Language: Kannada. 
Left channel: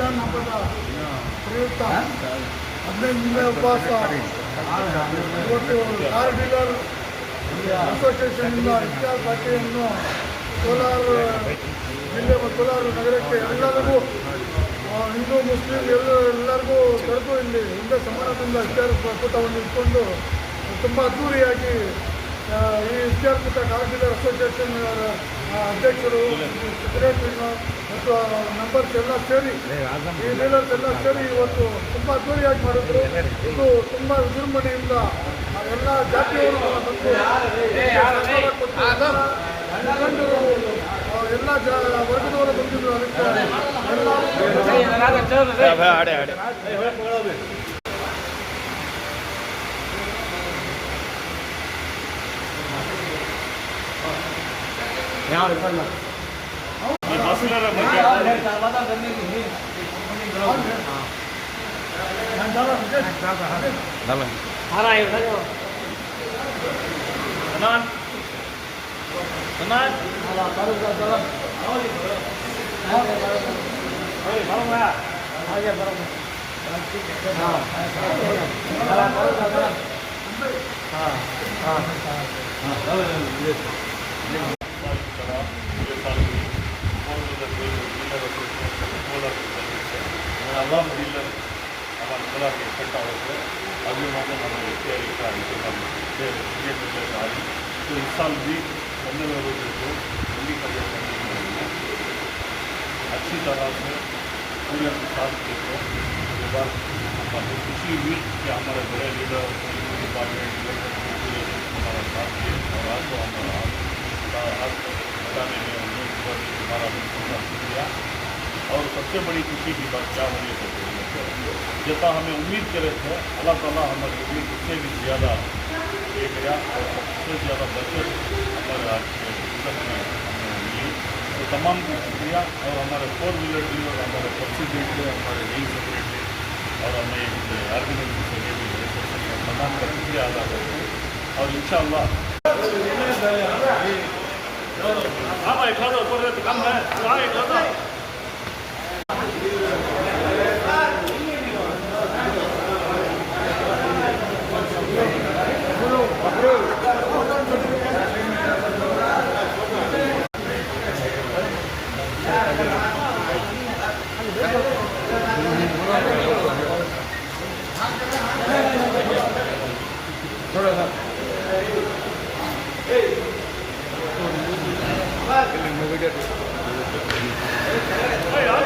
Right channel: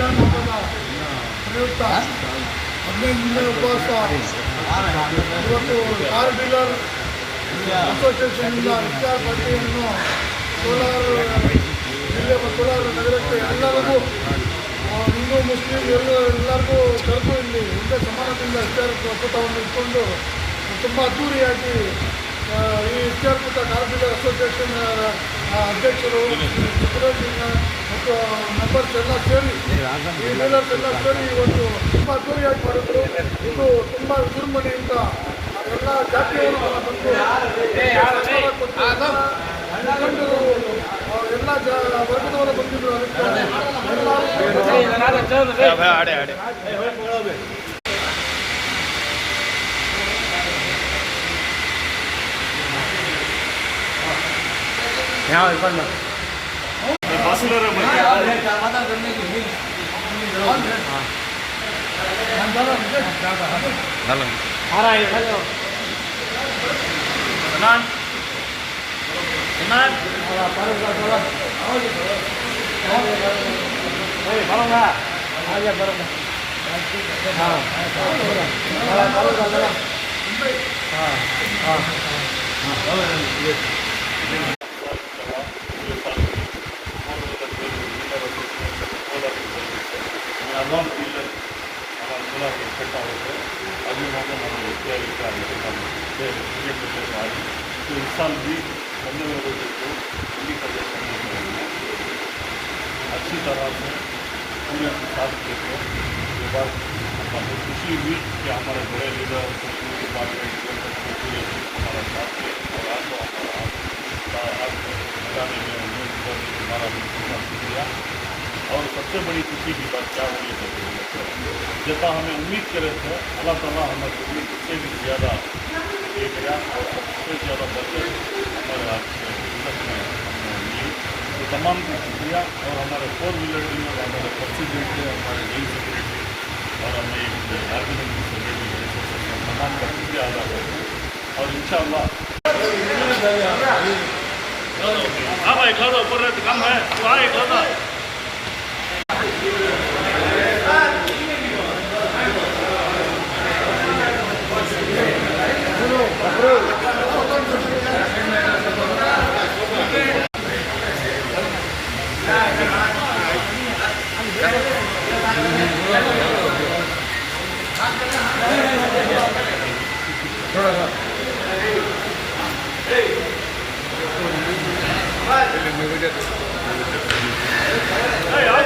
ರಂಜಾನ್ ಹಬ್ಬದ ಪ್ರಯುಕ್ತ 15 ದಿನದ ಉಪವಾಸ ಇವತ್ತು ಕಾರ್ ಡೀಲರ್ ಅಸೋಸಿಯೇಷನ್ನಿಂದ ಇಫ್ತಾರ್ ಪಾರ್ಟಿಯನ್ನು ಕೋಲಾರ ಜಿಲ್ಲೆ ಮತ್ತು ಕೋಲಾರ ನಗರಕ್ಕೆ ಎಲ್ಲರಿಗೂ ಹಿಂದೂ ಮುಸ್ಲಿಂ ಎಲ್ಲರಿಗೂ ಕರೆದು ಇಲ್ಲಿ ಹಿಂದೆ ಸಮಾನದಿಂದ ಇಫ್ತಾರ್ ಕೂಟವನ್ನು ಇಟ್ಕೊಂಡು ತುಂಬ ಅದ್ದೂರಿಯಾಗಿ ಈ ಇಫ್ತಾರ್ ಕೂಟ ಕಾರ್ ಡೀಲರ್ ಅಸೋಸಿಯೇಷನ್ ಅಧ್ಯಕ್ಷರು ಸುರೇಶ್ ಮತ್ತು ಮೆಂಬರ್ಸ್ ಎಲ್ಲ ಸೇರಿ ಈ ಡೀಲರ್ಸ್ ಎಲ್ಲ ಸೇರಿ ಇವತ್ತು ತುಂಬ ಅದ್ದೂರಿಯಾಗಿ ಮಾಡಿದ್ರು. ಇದು ತುಂಬ ವಿಜೃಂಭಣೆಯಿಂದ ಎಲ್ಲ ಜಾತಿಯವರು ಬಂದು ಸರ್ಕಾರ ಕೊಟ್ಟು ಎಲ್ಲ ಮುಖಂಡರು ಎಲ್ಲ ವರ್ಗದವರು ಬಂದಿದ್ರು. ಅದಕ್ಕೆ अल्हम्दुलिल्लाह हमारे खुला से इकट्ठा होकर अभी मौका हमें तैयारी आ रही तो इस साल भी बनने वालों को उन्हीं का जैसा अच्छी तरह से पूरे साथ देखो उसके बाद हमें खुशी हुई कि हमारे बड़े लीडर डिपार्टमेंट पूरे हमारा साथ है और आज को हमारा हाथ लगाने में हमारा भी पूरा शुक्रिया। और सबसे बड़ी खुशी की बात क्या हुई है जैसा हमें उम्मीद करे थे अल्लाह ताला हमारी उम्मीद उससे भी ज़्यादा दे गया और सबसे ज़्यादा बचत हमारे आज में हमने मिली। तो तमाम को शुक्रिया और हमारे 4 व्हीलर डीलर हमारे प्रेसिडेंट है हमारे नई सेक्रेटरी और हमें आर्गेनाइजिंग सेक्रेटरी तमाम का शुक्रिया अदा करते हैं और इंशाअल्लाह कम है Hey,